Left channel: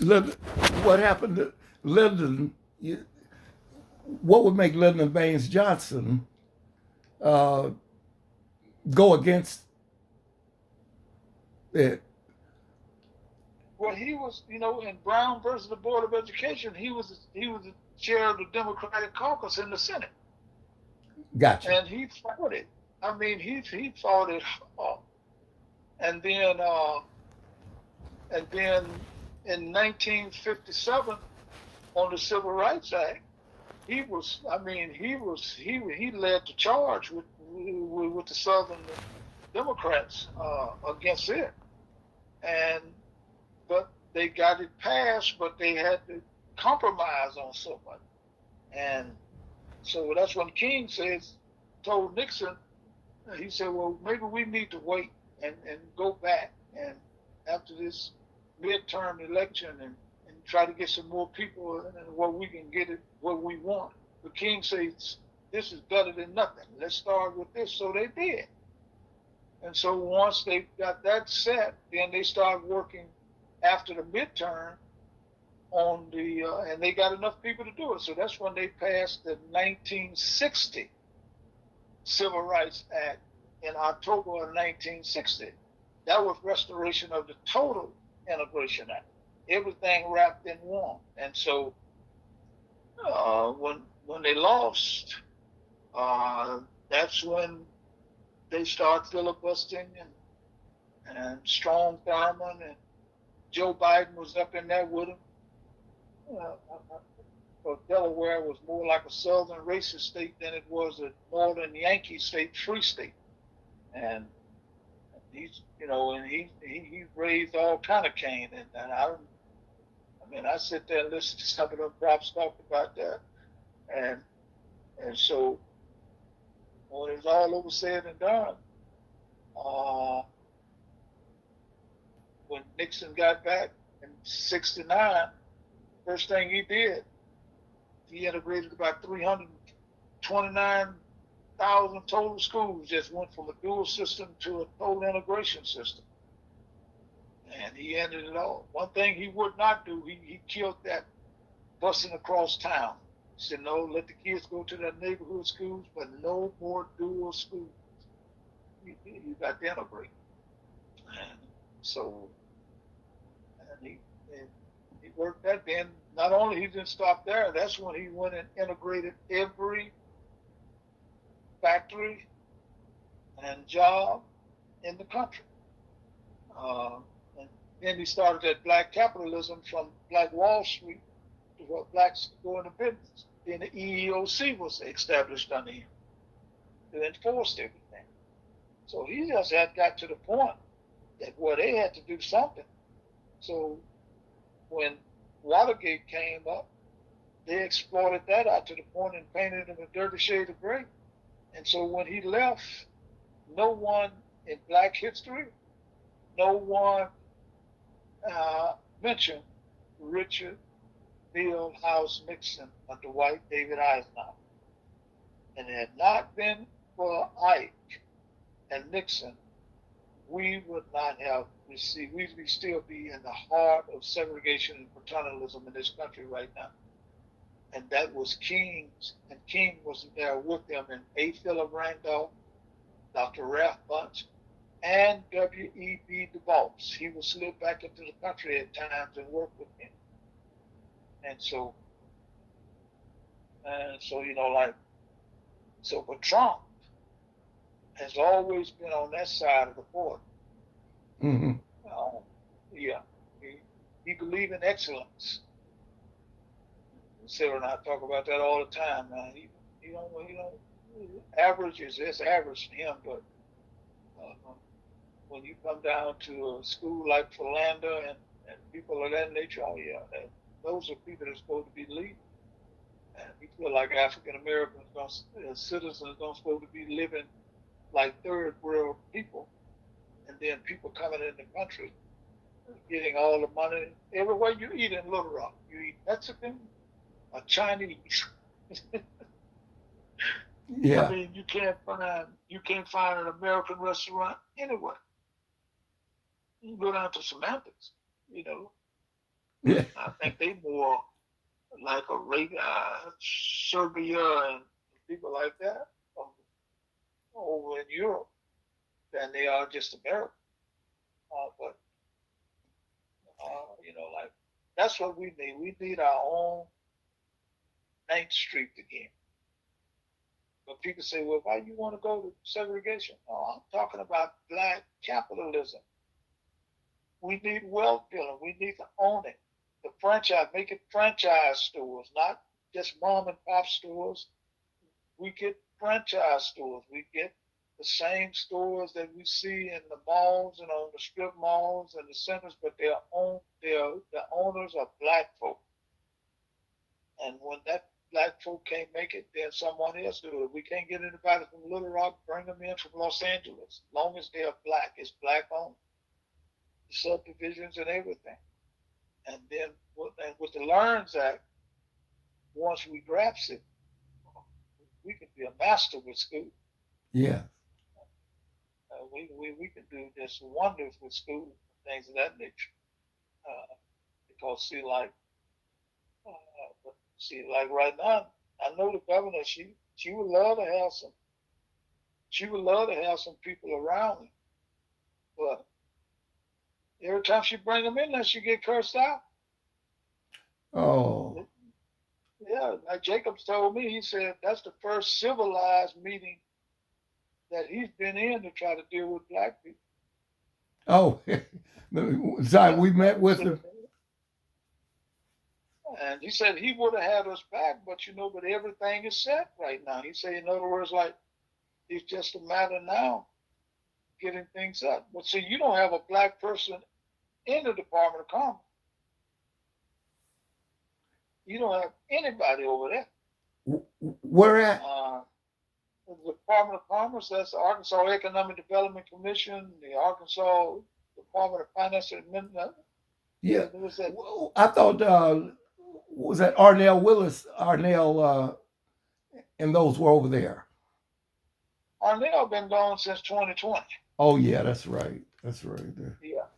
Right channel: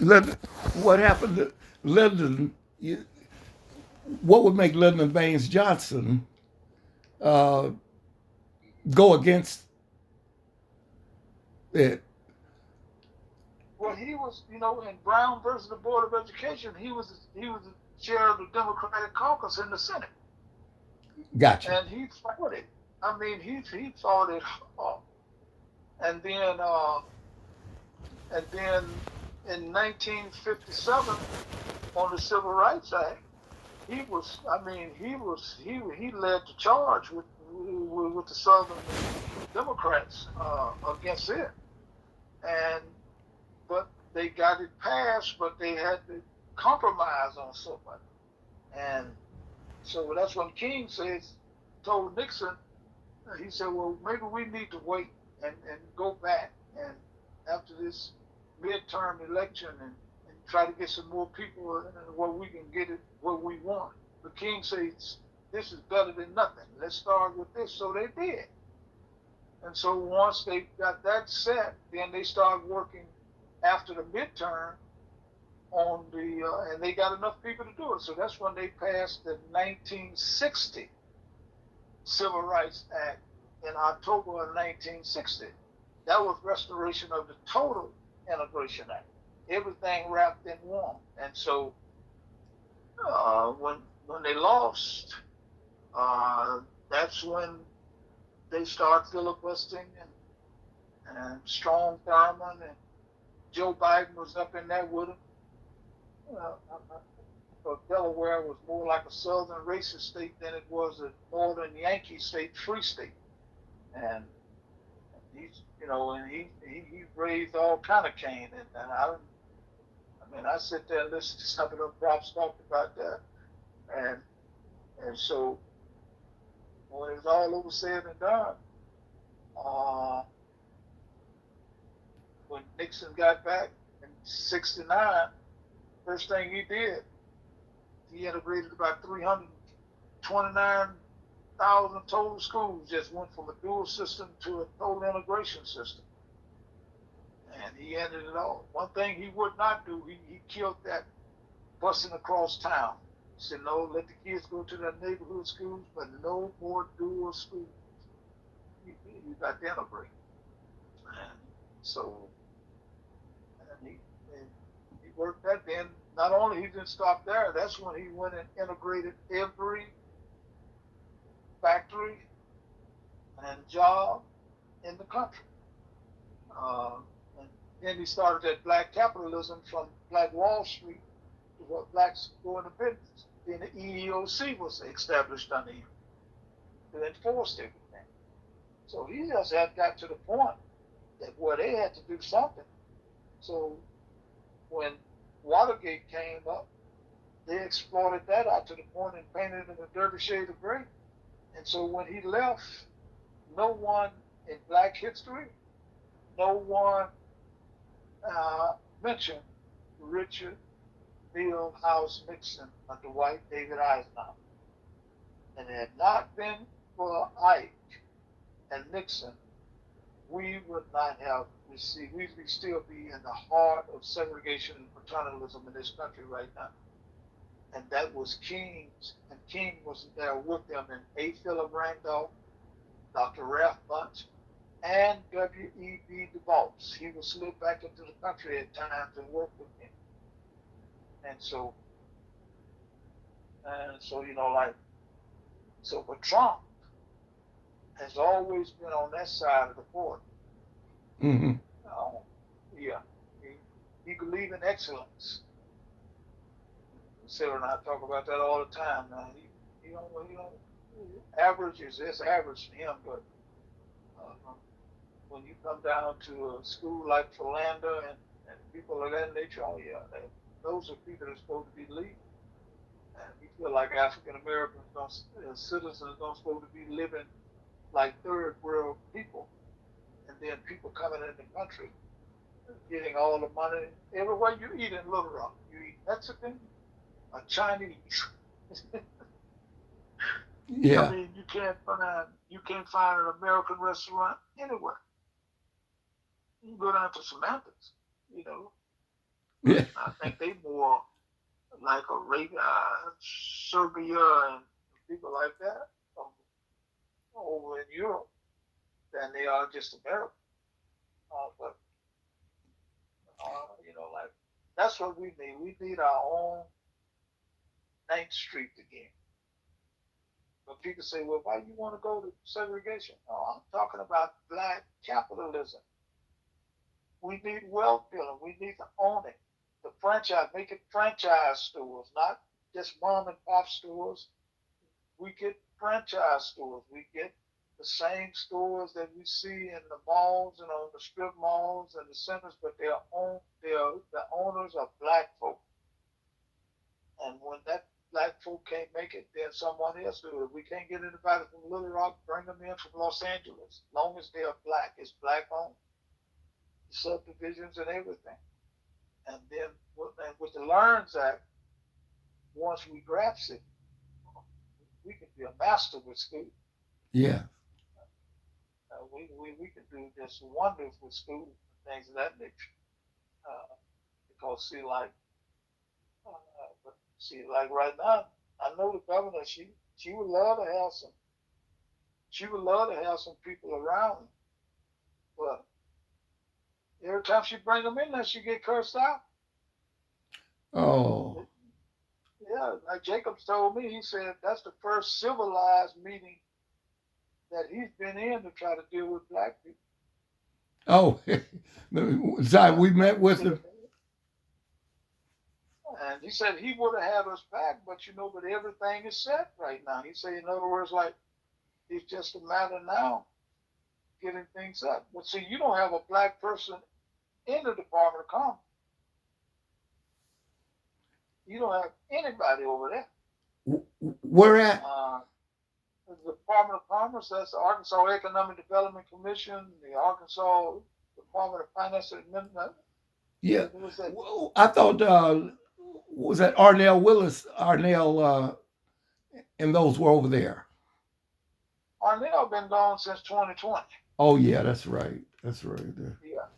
Lyndon, what happened to Lyndon? What would make Lyndon Baines Johnson uh, go against it? Well, he was, in Brown versus the Board of Education, he was the chair of the Democratic caucus in the Senate, Gotcha. and he fought it. I mean, he fought it hard. And then and then in 1957 on the Civil Rights Act, he led the charge with the Southern Democrats against it, and but they got it passed, but they had to compromise on so much. And so that's when King told Nixon, he said, well, maybe we need to wait and go back and after this midterm election and try to get some more people where we can get it what we want. But King says, this is better than nothing. Let's start with this. So they did. And so once they got that set, then they started working after the midterm on and they got enough people to do it. So that's when they passed the 1960 Civil Rights Act in October of 1960. That was restoration of the Total Integration Act. Everything wrapped in one. And so when they lost, uh, that's when they started filibustering and Strom Thurmond and Joe Biden was up in there with him. Delaware was more like a southern racist state than it was a northern Yankee state, free state. And he raised all kind of cane. And I sit there and listen to some of them props talk about that. And and so when it was all over said and done, uh, when Nixon got back in '69, first thing he did, he integrated about 329,000 total schools, just went from a dual system to a total integration system. And he ended it all. One thing he would not do, he killed that busing across town. He said, no, let the kids go to their neighborhood schools, but no more dual schools. You got to integrate. And so, and he worked that. Then not only he didn't stop there, that's when he went and integrated every factory and job in the country. Uh, and then he started that black capitalism from Black Wall Street to what blacks go into business. Then the EEOC was established under him to enforce everything. So he just had got to the point that where they had to do something. So when Watergate came up, they exploited that out to the point and painted it a dirty shade of gray. And so when he left, no one in black history, no one uh, mentioned Richard Milhous Nixon under Dwight David Eisenhower. And it had not been for Ike and Nixon, we would not have received, we'd still be in the heart of segregation and paternalism in this country right now. And that was King's, and King was there with them, and A. Philip Randolph, Dr. Ralph Bunche, and W.E.B. Du Bois. He would slip back into the country at times and work with him. And like, so, but Trump has always been on that side of the border. Mm-hmm. Uh, yeah, he believed in excellence. Sarah and I talk about that all the time. Now average is just average to him, but uh, when you come down to a school like Philander and people of that nature, oh yeah, those are people that are supposed to be leading. And we feel like African Americans citizens don't supposed to be living like third world people, and then people coming in the country getting all the money. Everywhere you eat in Little Rock, you eat Mexican, or Chinese. I Yeah. mean, you can't find an American restaurant anywhere. You can go down to Samantha's, you know. I think they more like Serbia and people like that um, over in Europe than they are just America. But like that's what we need. We need our own 9th Street again. But people say, well, why you want to go to segregation? No, I'm talking about black capitalism. We need wealth building. We need to own it. The franchise, make it franchise stores, not just mom and pop stores. We get franchise stores. We get the same stores that we see in the malls and on the strip malls and the centers, but the owners are black folk. And when that black folk can't make it, then someone else do it. We can't get anybody from Little Rock, bring them in from Los Angeles. As long as they're black, it's black owned. Subdivisions and everything. And then with the Learns Act, once we grasp it, we can be a master with school. Yeah. We can do just wonders with school and things of that nature. Because like right now, I know the governor. She would love to have some. She would love to have some people around me, but every time she bring them in there, she get cursed out. Oh. Yeah, like Jacobs told me, he said that's the first civilized meeting that he's been in to try to deal with black people. Oh. Sorry, we met with him. And he said he would have had us back, but everything is set right now. He said, in other words, like it's just a matter now getting things up. But see, you don't have a black person in the Department of Commerce. You don't have anybody over there. Where at? The Department of Commerce, that's the Arkansas Economic Development Commission, the Arkansas Department of Finance and Administration. Yeah. I thought, was that Arnell Willis? Arnell, and those were over there. Arnell been gone since 2020. Oh, yeah, that's right. That's right. Yeah.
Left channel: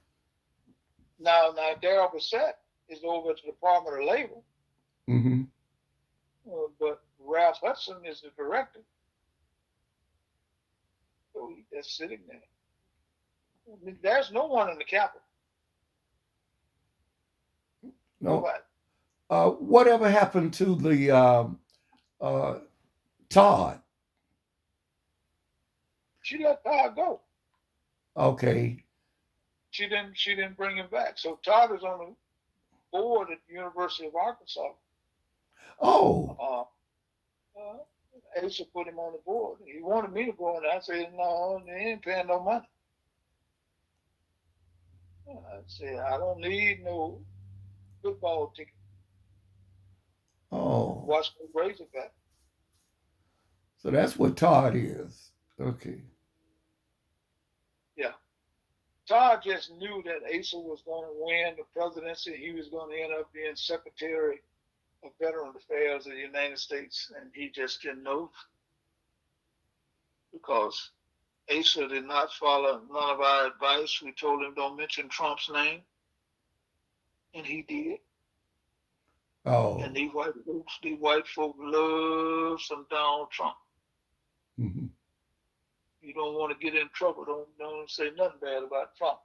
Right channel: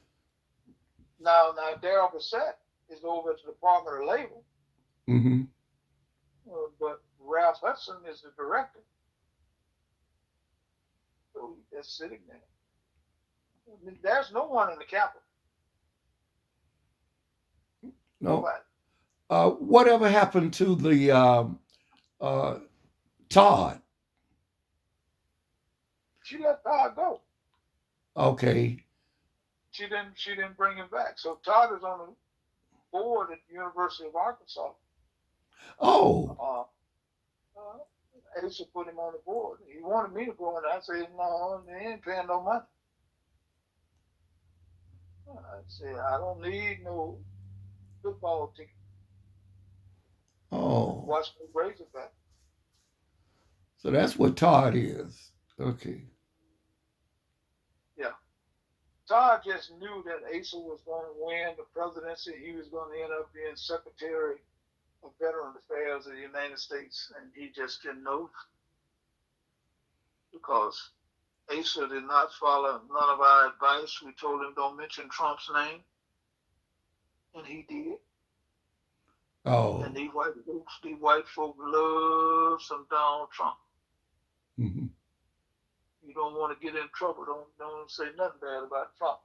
Now Darrell Bissett is over at the Department of Labor. Mm-hmm. But Ralph Hudson is the director. So he's just sitting there. I mean, there's no one in the Capitol. No. Whatever happened to the Todd? She let Todd go. Okay. She didn't bring him back. So Todd is on the board at the University of Arkansas. Oh. Asa put him on the board. He wanted me to go, and I said, no, they ain't paying no money. I said, I don't need no football ticket. Oh. Watch me raise it back. So that's what Todd is. Okay. Yeah. Todd just knew that Asa was going to win the presidency. He was going to end up being Secretary of Veteran Affairs of the United States, and he just didn't know because Asa did not follow none of our advice. We told him don't mention Trump's name, and he did. Oh. And these white folk love some Donald Trump. Mm-hmm. You don't want to get in trouble. Don't say nothing bad about Trump.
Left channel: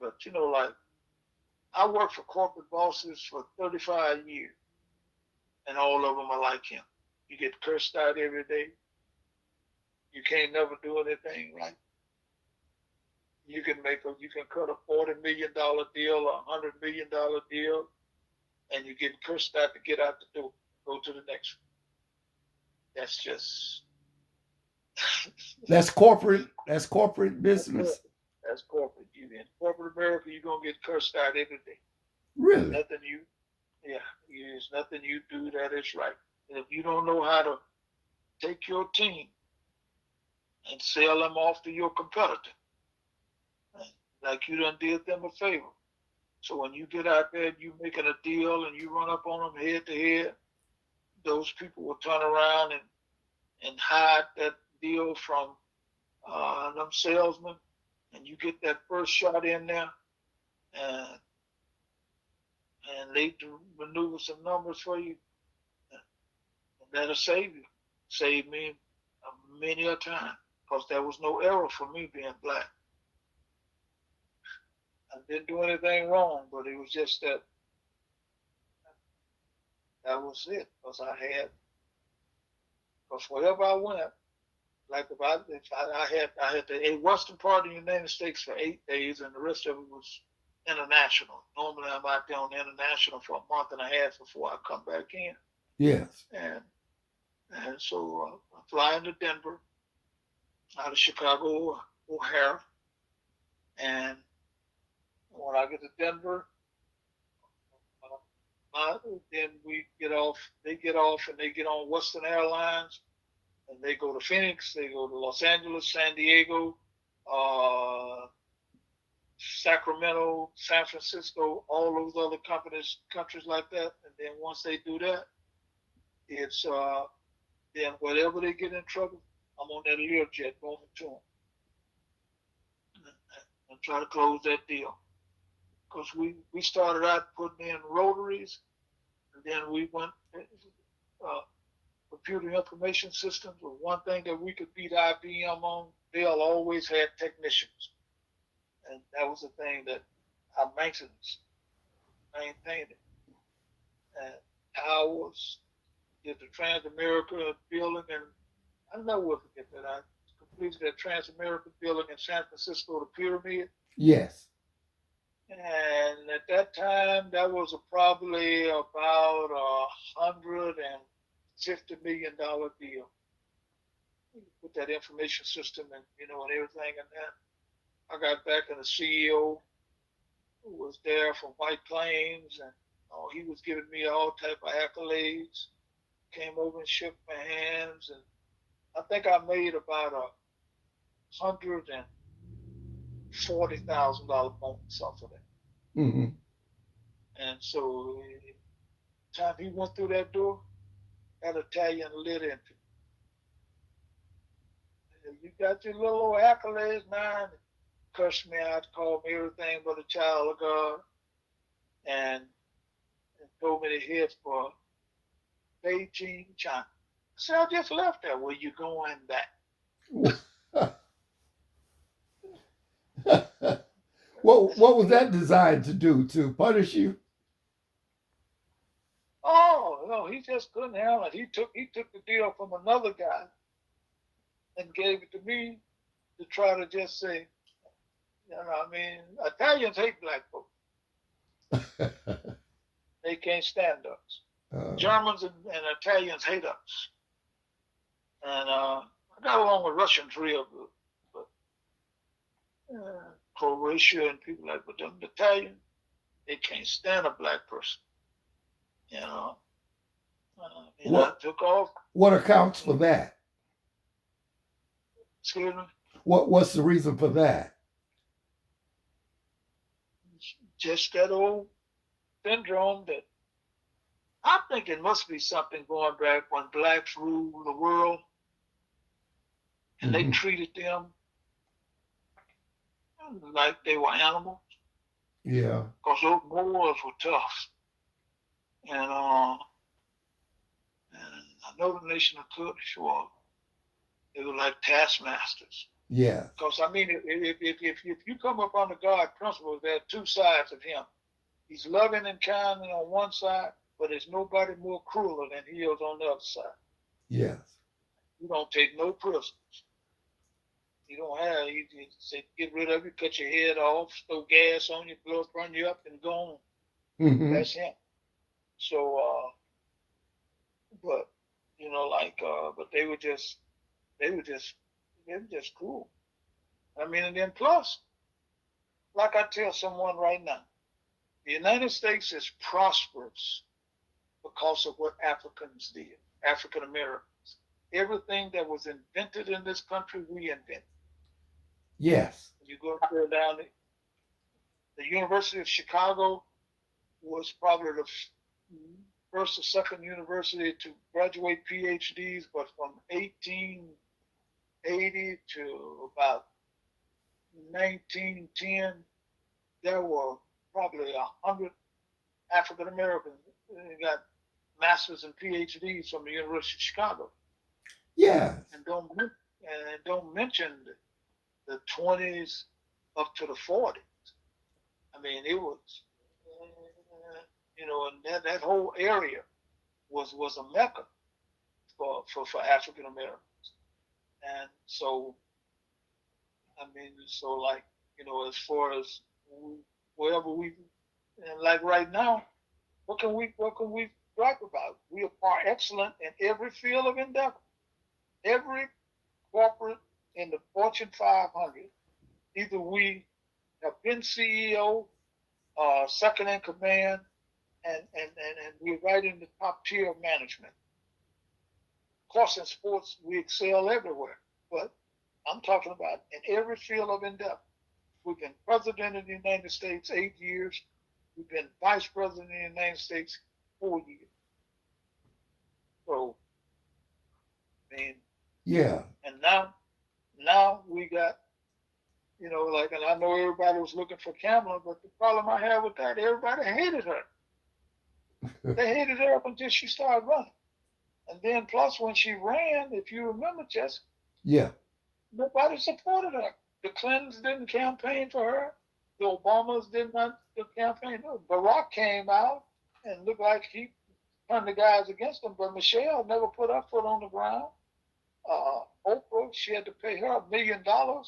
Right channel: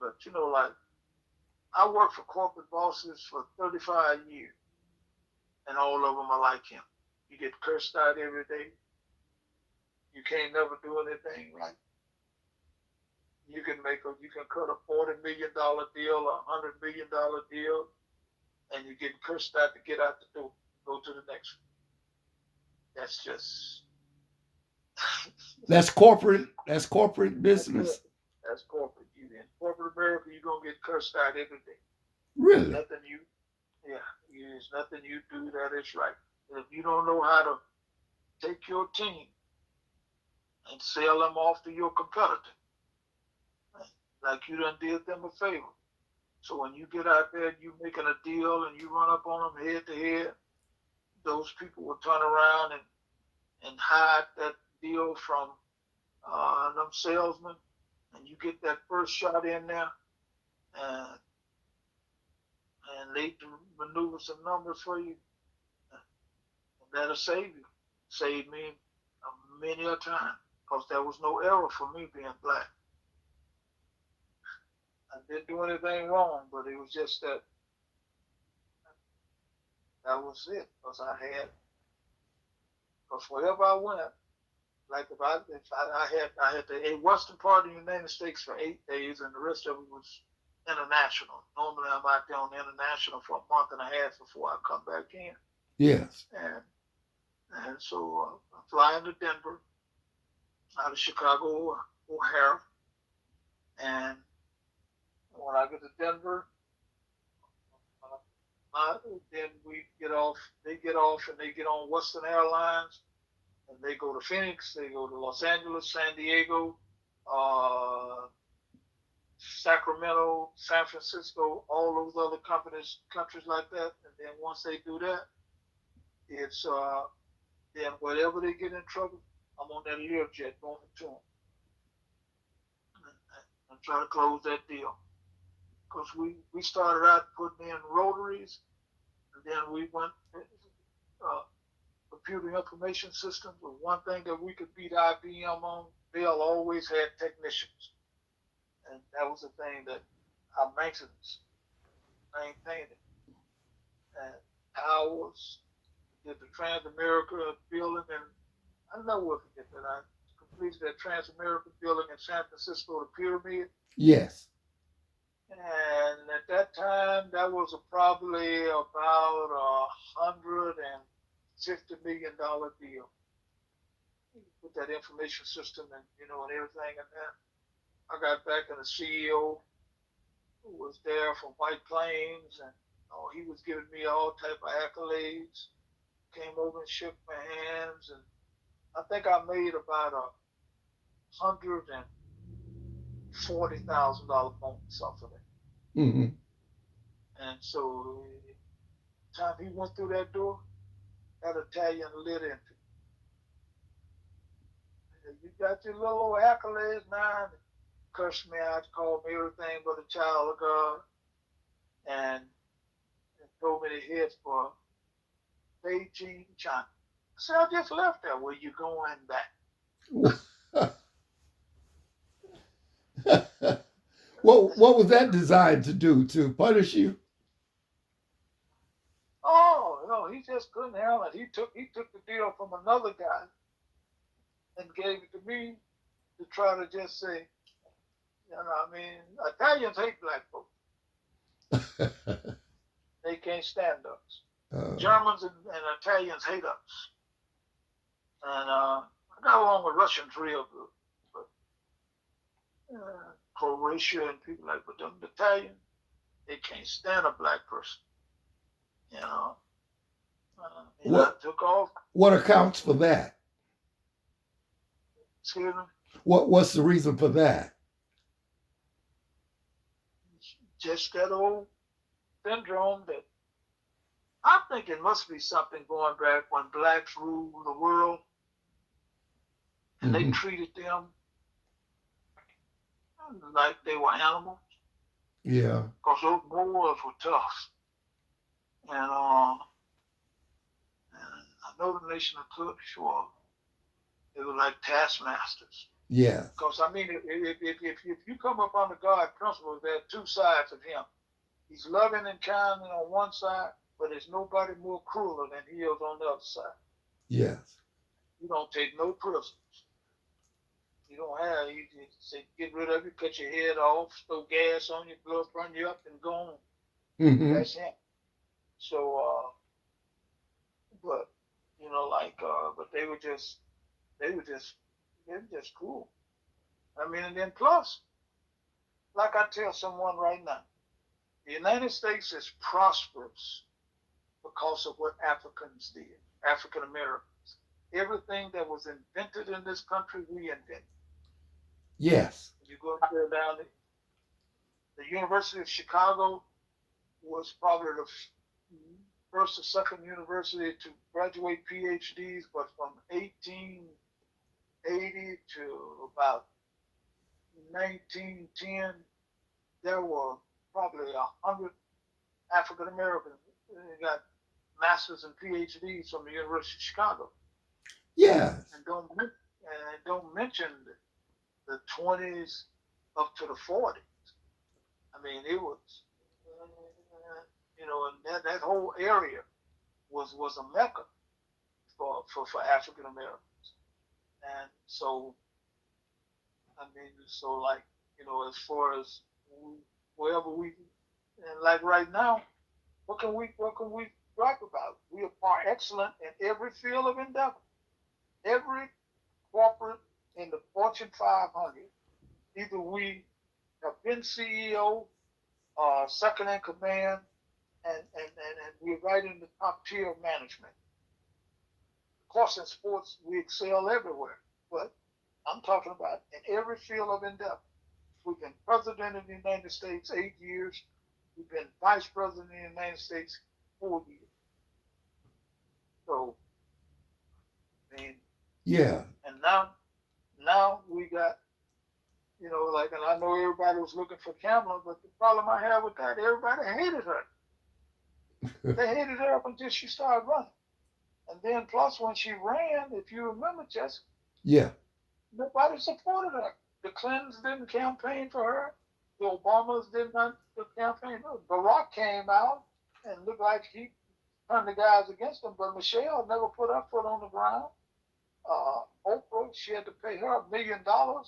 But like I worked for corporate bosses for 35 years, and all of them are like him. You get cursed out every day. You can't never do anything right. You can cut a $40 million deal, a $100 million deal, and you get cursed out to get out the door, go to the next one. That's just that's corporate business. That's corporate. You in corporate America, you're gonna get cursed out every day. Really? There's nothing you do that is right. And if you don't know how to take your team and sell them off to your competitor, like you done did them a favor. So when you get out there and you making a deal and you run up on them head to head, those people will turn around and hide that deal from them salesmen, and you get that first shot in there, and they maneuver some numbers for you, and that'll save you. Save me many a time, because there was no error for me being black. I didn't do anything wrong, but it was just that was it. Because wherever I went, like I had the western part of the United States for 8 days, and the rest of it was international. Normally, I'm out there on the international for a month and a half before I come back in. Yes. And so I fly into Denver out of Chicago O'Hare, and when I get to Denver, then we get off. They get off, and they get on Western Airlines, and they go to Phoenix. They go to Los Angeles, San Diego, uh, Sacramento, San Francisco, all those other countries like that. And then once they do that, it's then whatever they get in trouble, I'm on that Learjet going to them and try to close that deal. Because we started out putting in rotaries, and then we went computer information systems. Was one thing that we could beat IBM on. Dell always had technicians, and that was the thing that our maintenance maintained it. And ours did the Transamerica building, and I never forget that. I completed that Transamerica building in San Francisco, the Pyramid. Yes. And at that time, that was probably about $150 million deal. With that information system and and everything, and then I got back, and the CEO who was there from White Plains, and he was giving me all type of accolades. Came over and shook my hands, and I think I made about $140,000 bonus off of that. Mm-hmm. And so, the time he went through that door, that Italian lit into me. You got your little old accolades now, and cursed me out, called me everything but a child of God, and told me to head for Beijing, China. I said, I just left there. Where you going back? What was that designed to do? To punish you? Oh no, he just couldn't handle it. He took the deal from another guy and gave it to me to try to just say, Italians hate black folks. They can't stand us. Germans and Italians hate us. And I got along with Russians real good. But Croatia and people like, but them Italians, they can't stand a black person. I took off. What accounts for that? Excuse me? What's the reason for that? Just that old syndrome that I think it must be something going back when blacks ruled the world, and they treated them like they were animals. Yeah. Because those Moors were tough. And I know the nation of Kurdish were. They were like taskmasters. Yeah. Because if you come up under God's principles, there are two sides of him. He's loving and kind on one side, but there's nobody more crueler than he is on the other side. Yes. You don't take no prisoners. You don't have. You say get rid of you, cut your head off, throw gas on you, blood run you up, and go on. Mm-hmm. That's him. So, but but they were just cool. And then plus, like I tell someone right now, the United States is prosperous because of what Africans did, African Americans. Everything that was invented in this country, we invented. Yes. You go down the University of Chicago was probably the first or second university to graduate PhDs, but from 1880 to about 1910, there were probably 100 African Americans. They got masters and PhDs from the University of Chicago, Yes. and don't mention the 20s up to the 40s. I mean, it was, and that whole area was a mecca for African Americans. And so, I mean, so like, as far as wherever we, and like right now, what can we gripe about? We are excellent in every field of endeavor. Every corporate in the Fortune 500, either we have been CEO, second in command, and we're right in the top tier of management. Of course, in sports, we excel everywhere, but I'm talking about in every field of endeavor. We've been president of the United States 8 years. We've been vice president of the United States 4 years. So, I mean, Yeah. and now we got, like, and I know everybody was looking for Kamala, but the problem I have with that, everybody hated her. They hated her up until she started running. And then plus when she ran, if you remember, Jess, Yeah. nobody supported her. The Clintons didn't campaign for her. The Obamas did not campaign. Barack came out and looked like he turned the guys against him, but Michelle never put her foot on the ground. Oprah, she had to pay her $1 million to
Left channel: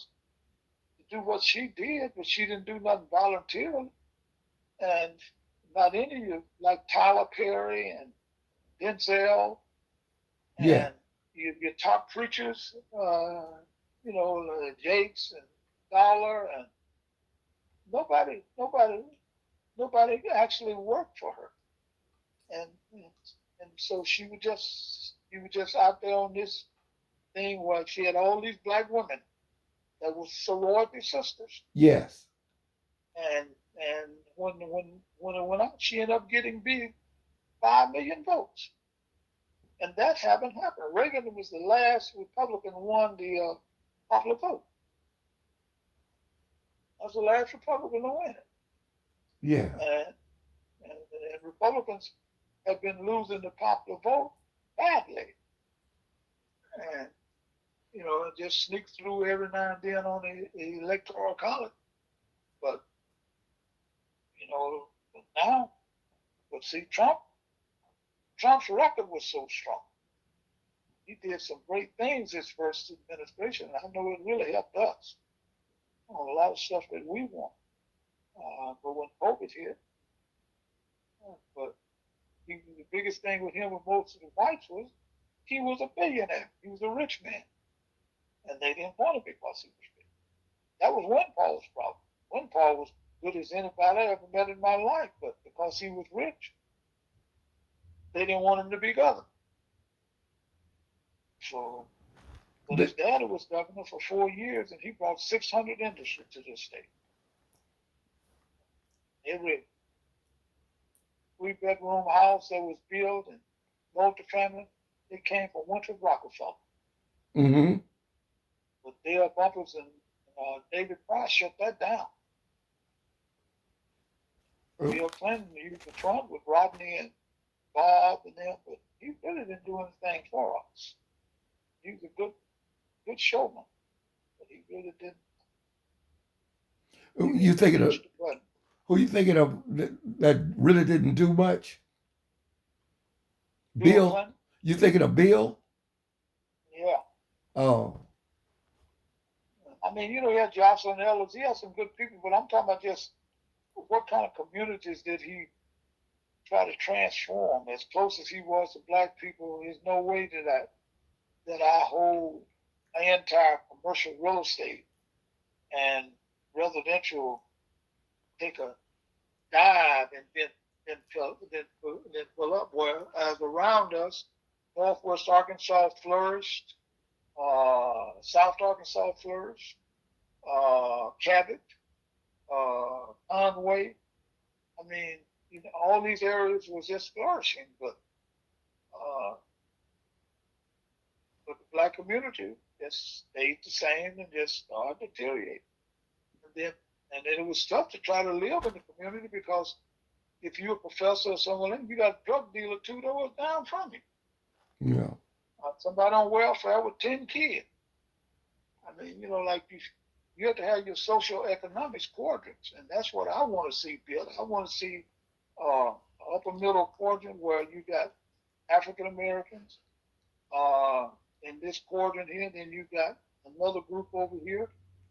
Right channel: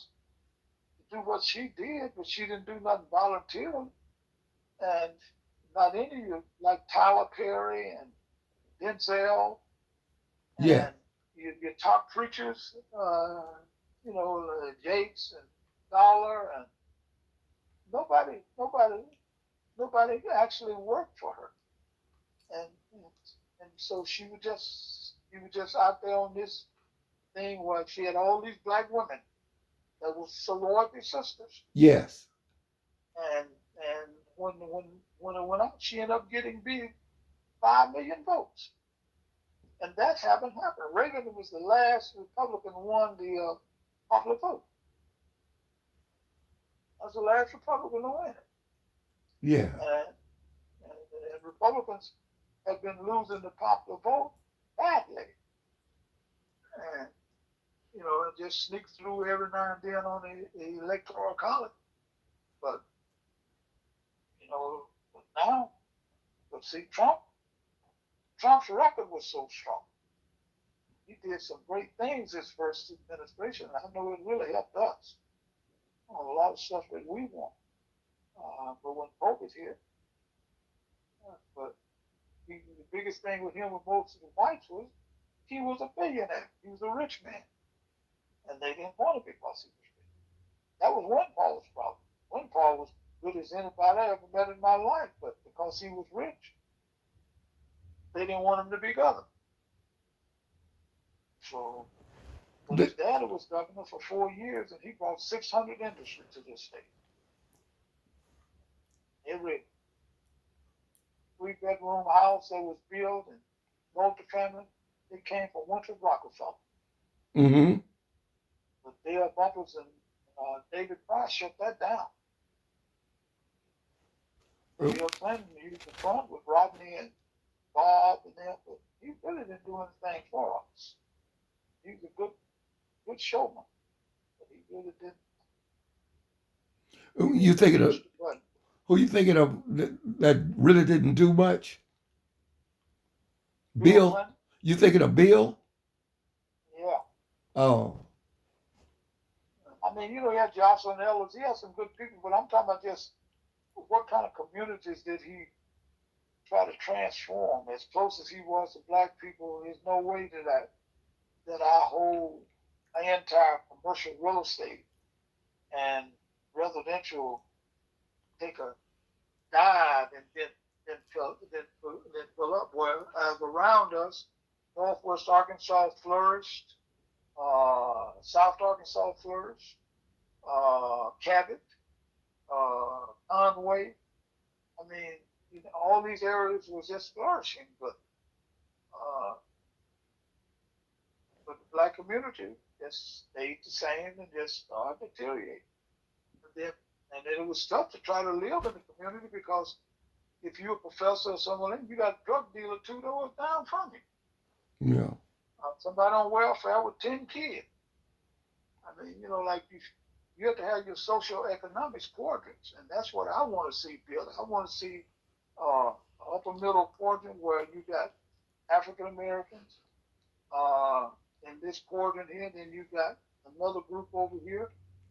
do what she did, but she didn't do nothing voluntarily. And not any of you, like Tyler Perry and Denzel Yeah. and your top preachers, Jakes and Dollar, and nobody, nobody, nobody actually worked for her, and and so she was just out there on this thing where she had all these black women that were sorority sisters, Yes. and when it went out, she ended up getting big 5 million votes, and that haven't happened. Reagan was the last Republican won the popular vote. I was the last Republican to win it. Yeah. And Republicans have been losing the popular vote badly. And, it just sneaks through every now and then on the electoral college. But, now, but see, Trump's record was so strong. He did some great things his first administration. I know it really helped us on a lot of stuff that we want. But when COVID hit, but the biggest thing with him and most of the whites was he was a billionaire. He was a rich man. And they didn't want him because he was rich. That was Win Paul's problem. Win Paul was good as anybody I ever met in my life, but because he was rich, they didn't want him to be governor. So, but his dad was governor for 4 years, and he brought 600 industries to this state. Every 3-bedroom house that was built and multifamily, it came from Winthrop Rockefeller. Mm-hmm. But Dale Bumpers and David Price shut that down. Bill Clinton used the front with Rodney and Bob and them, but he really didn't do anything for us. He was a good showman, but he really didn't. You thinking of who you thinking of that really didn't do much? Bill. Clinton? You thinking of Bill? Yeah. Oh. I mean, he had Jocelyn Ellis. He had some good people, but I'm talking about just what kind of communities did he try to transform? As close as he was to black people, there's no way that our whole entire commercial real estate and residential take a dive and then fill up. Whereas around us, Northwest Arkansas flourished, South Arkansas flourished, Cabot, Conway. I mean, all these areas was just flourishing, but the black community just stayed the same and just started deteriorating. And then it was tough to try to live in the community because if you're a professor or someone, you got a drug dealer 2 doors down from you. Yeah. Somebody on welfare with 10 kids. I mean, like you have to have your social economics quadrants, and that's what I want to see built. I want to see uh, upper middle quadrant where you got African Americans uh, in this quadrant here, then you got another group over here.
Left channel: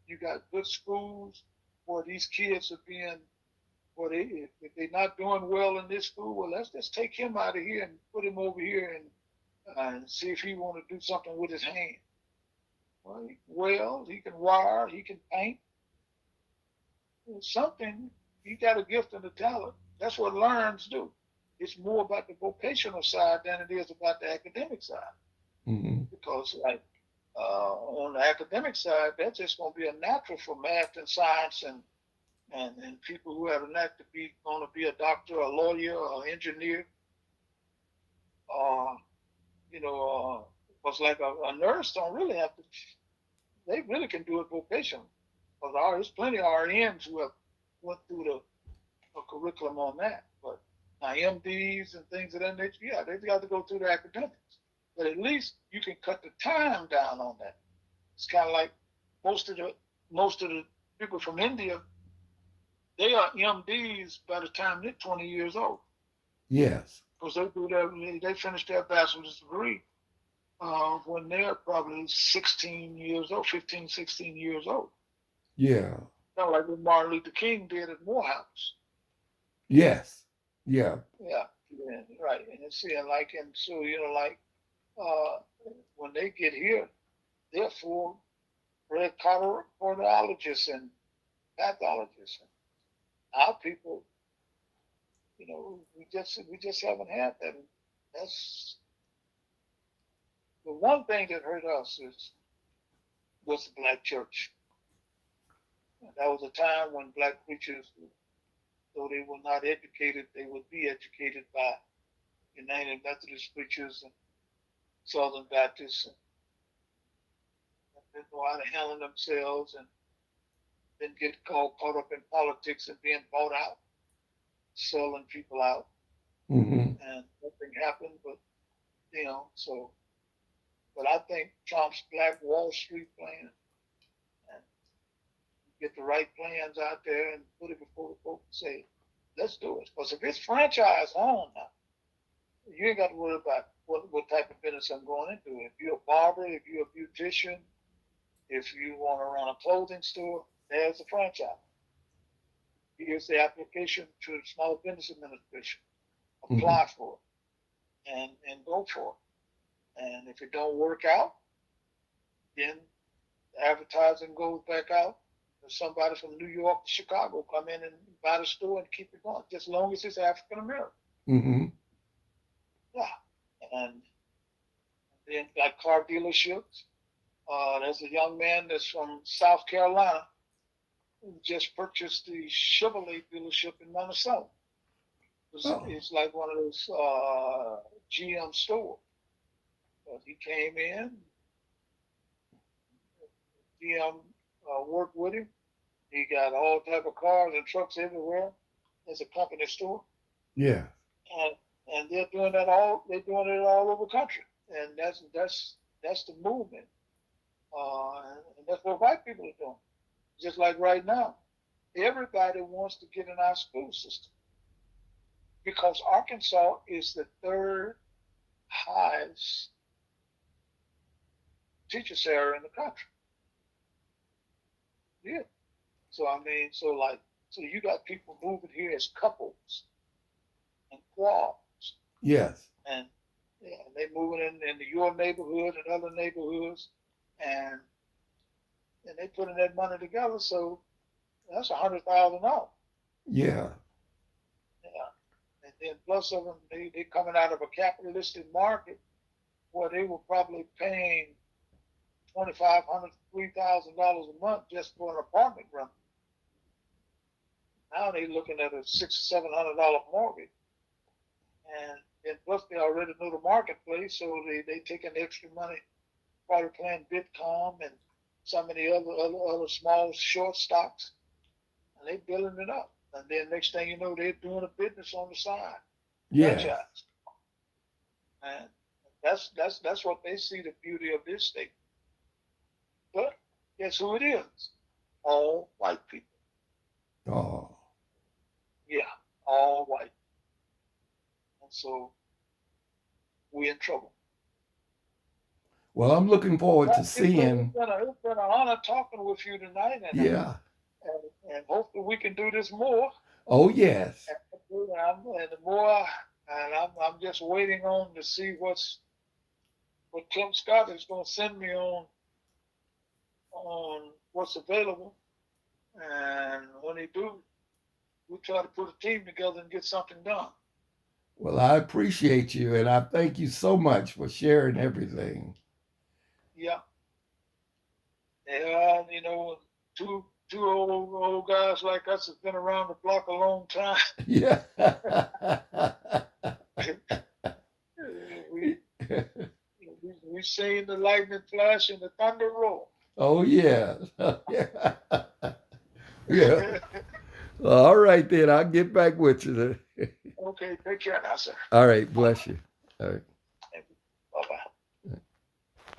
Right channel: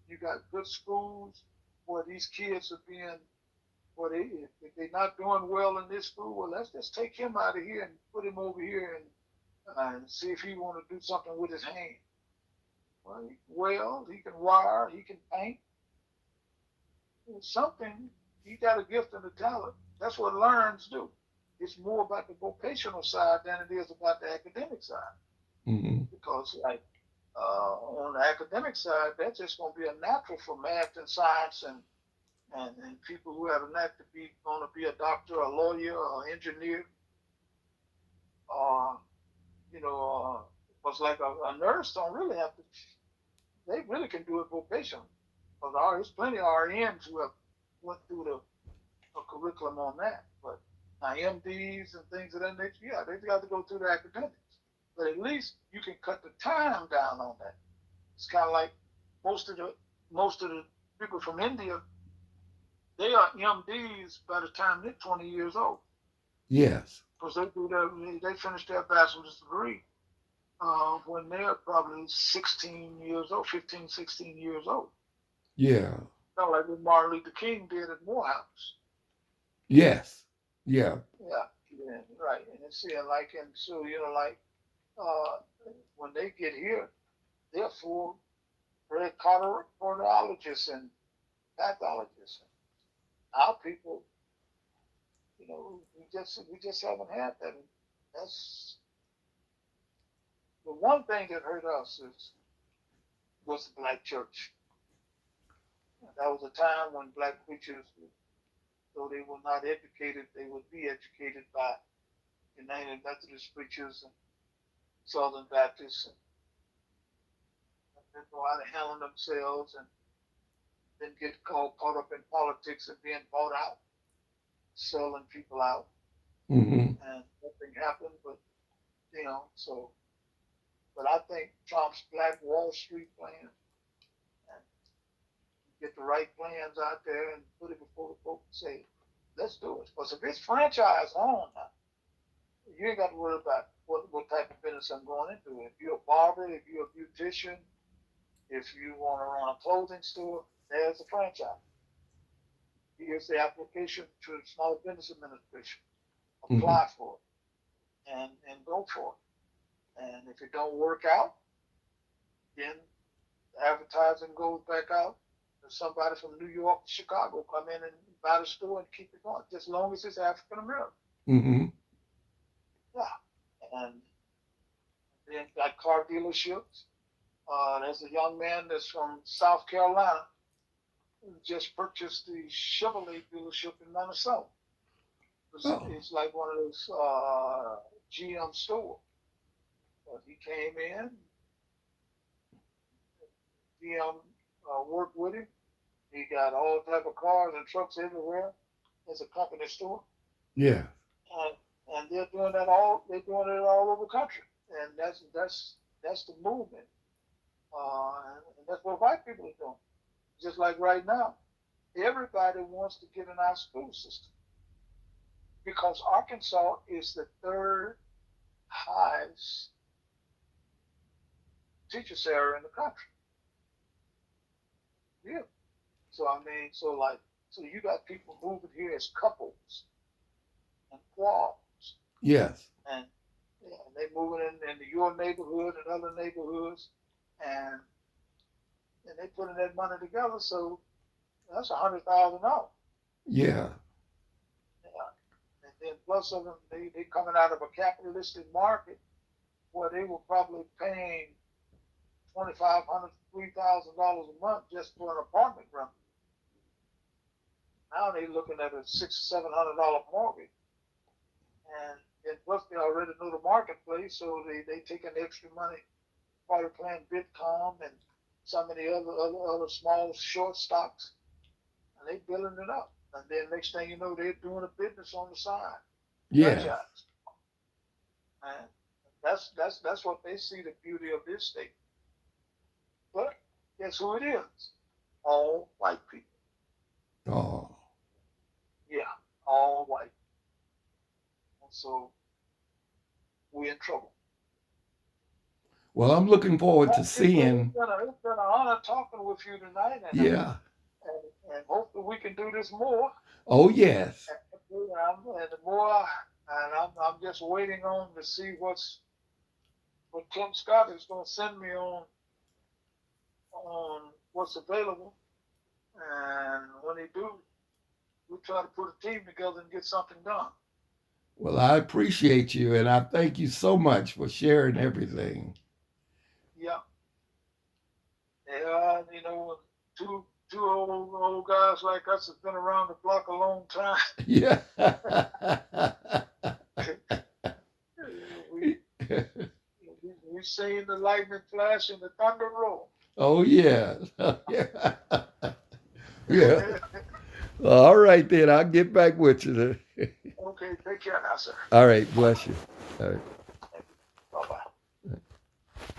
You got good schools where these kids are being, where if they're not doing well in this school, well, let's just take him out of here and put him over here and see if he want to do something with his hand. Well, he can wire, he can paint, something. He got a gift and a talent. That's what learns do. It's more about the vocational side than it is about the academic side. Mm-hmm. Because like on the academic side, that's just going to be a natural for math and science and people who have a knack to be going to be a doctor, a lawyer, or engineer, or was like a nurse don't really have to. They really can do it vocational. Because there's plenty of RNs who have went through the curriculum on that. But now MDs and things of that nature, yeah, they've got to go through the academics. But at least you can cut the time down on that. It's kind of like most of the people from India, they are MDs by the time they're 20 years old. Yes. Because they finish their bachelor's degree when they're probably 16 years old, 15, 16 years old. Yeah. Not like what Martin Luther King did at Morehouse. Yes. Yeah. Yeah, right. And so when they get here, they're full red cardiologists and pathologists. Our people, we just haven't had that. That's the one thing that hurt us was the black church. That was a time when black preachers, though they were not educated, they would be educated by United Methodist preachers and Southern Baptists, and didn't know how to handle themselves, and didn't get caught up in politics and being bought out, selling people out, Mm-hmm. and nothing happened. But so. But I think Trump's Black Wall Street plan, and get the right plans out there and put it before the folks and say, let's do it. Because if it's franchise on now, you ain't got to worry about what type of business I'm going into. If you're a barber, if you're a beautician, if you want to run a clothing store, there's a franchise. Here's the application to the Small Business Administration. Apply for it and go for it. And if it don't work out, then the advertising goes back out. There's somebody from New York, Chicago come in and buy the store and keep it going, just as long as it's African American. Mm-hmm. Yeah. And then got car dealerships. There's a young man that's from South Carolina who just purchased the Chevrolet dealership in Minnesota. It's like one of those GM stores. But he came in, GM worked with him. He got all type of cars and trucks everywhere. It's a company store. Yeah. And they're doing that all. They're doing it all over the country, and that's the movement. And that's what white people are doing. Just like right now, everybody wants to get in our school system because Arkansas is the third highest teacher salary in the country. Yeah. So so you got people moving here as couples and quads. Yes. And they moving into your neighborhood and other neighborhoods, and they putting that money together. So that's $100,000. Yeah. Yeah. And then plus of them, they coming out of a capitalistic market where they were probably paying $2,500, $3,000 a month just for an apartment rental. Now they're looking at a $600 or $700 mortgage, and plus they already know the marketplace, so they taking extra money, probably playing Bitcoin and some of the other small short stocks. and they building it up. And then next thing you know, they're doing a business on the side, Yeah. franchise. And that's what they see the beauty of this state. But guess who it is? All white people. Oh. Yeah, all white. And so we're in trouble. Well, I'm looking forward to seeing. It's been an honor talking with you tonight, and Yeah. and hopefully we can do this more. Oh, yes. And the more, and I'm just waiting on to see what Tim Scott is going to send me on what's available, and when he do, we try to put a team together and get something done. Well, I appreciate you, and I thank you so much for sharing everything. Yeah, yeah, you know, two old guys like us have been around the block a long time. Yeah. we seen the lightning flash and the thunder roll. Oh, yeah. Yeah. Yeah. All right, then. I'll get back with you. Okay, take care now, sir. All right. Bless you. All right.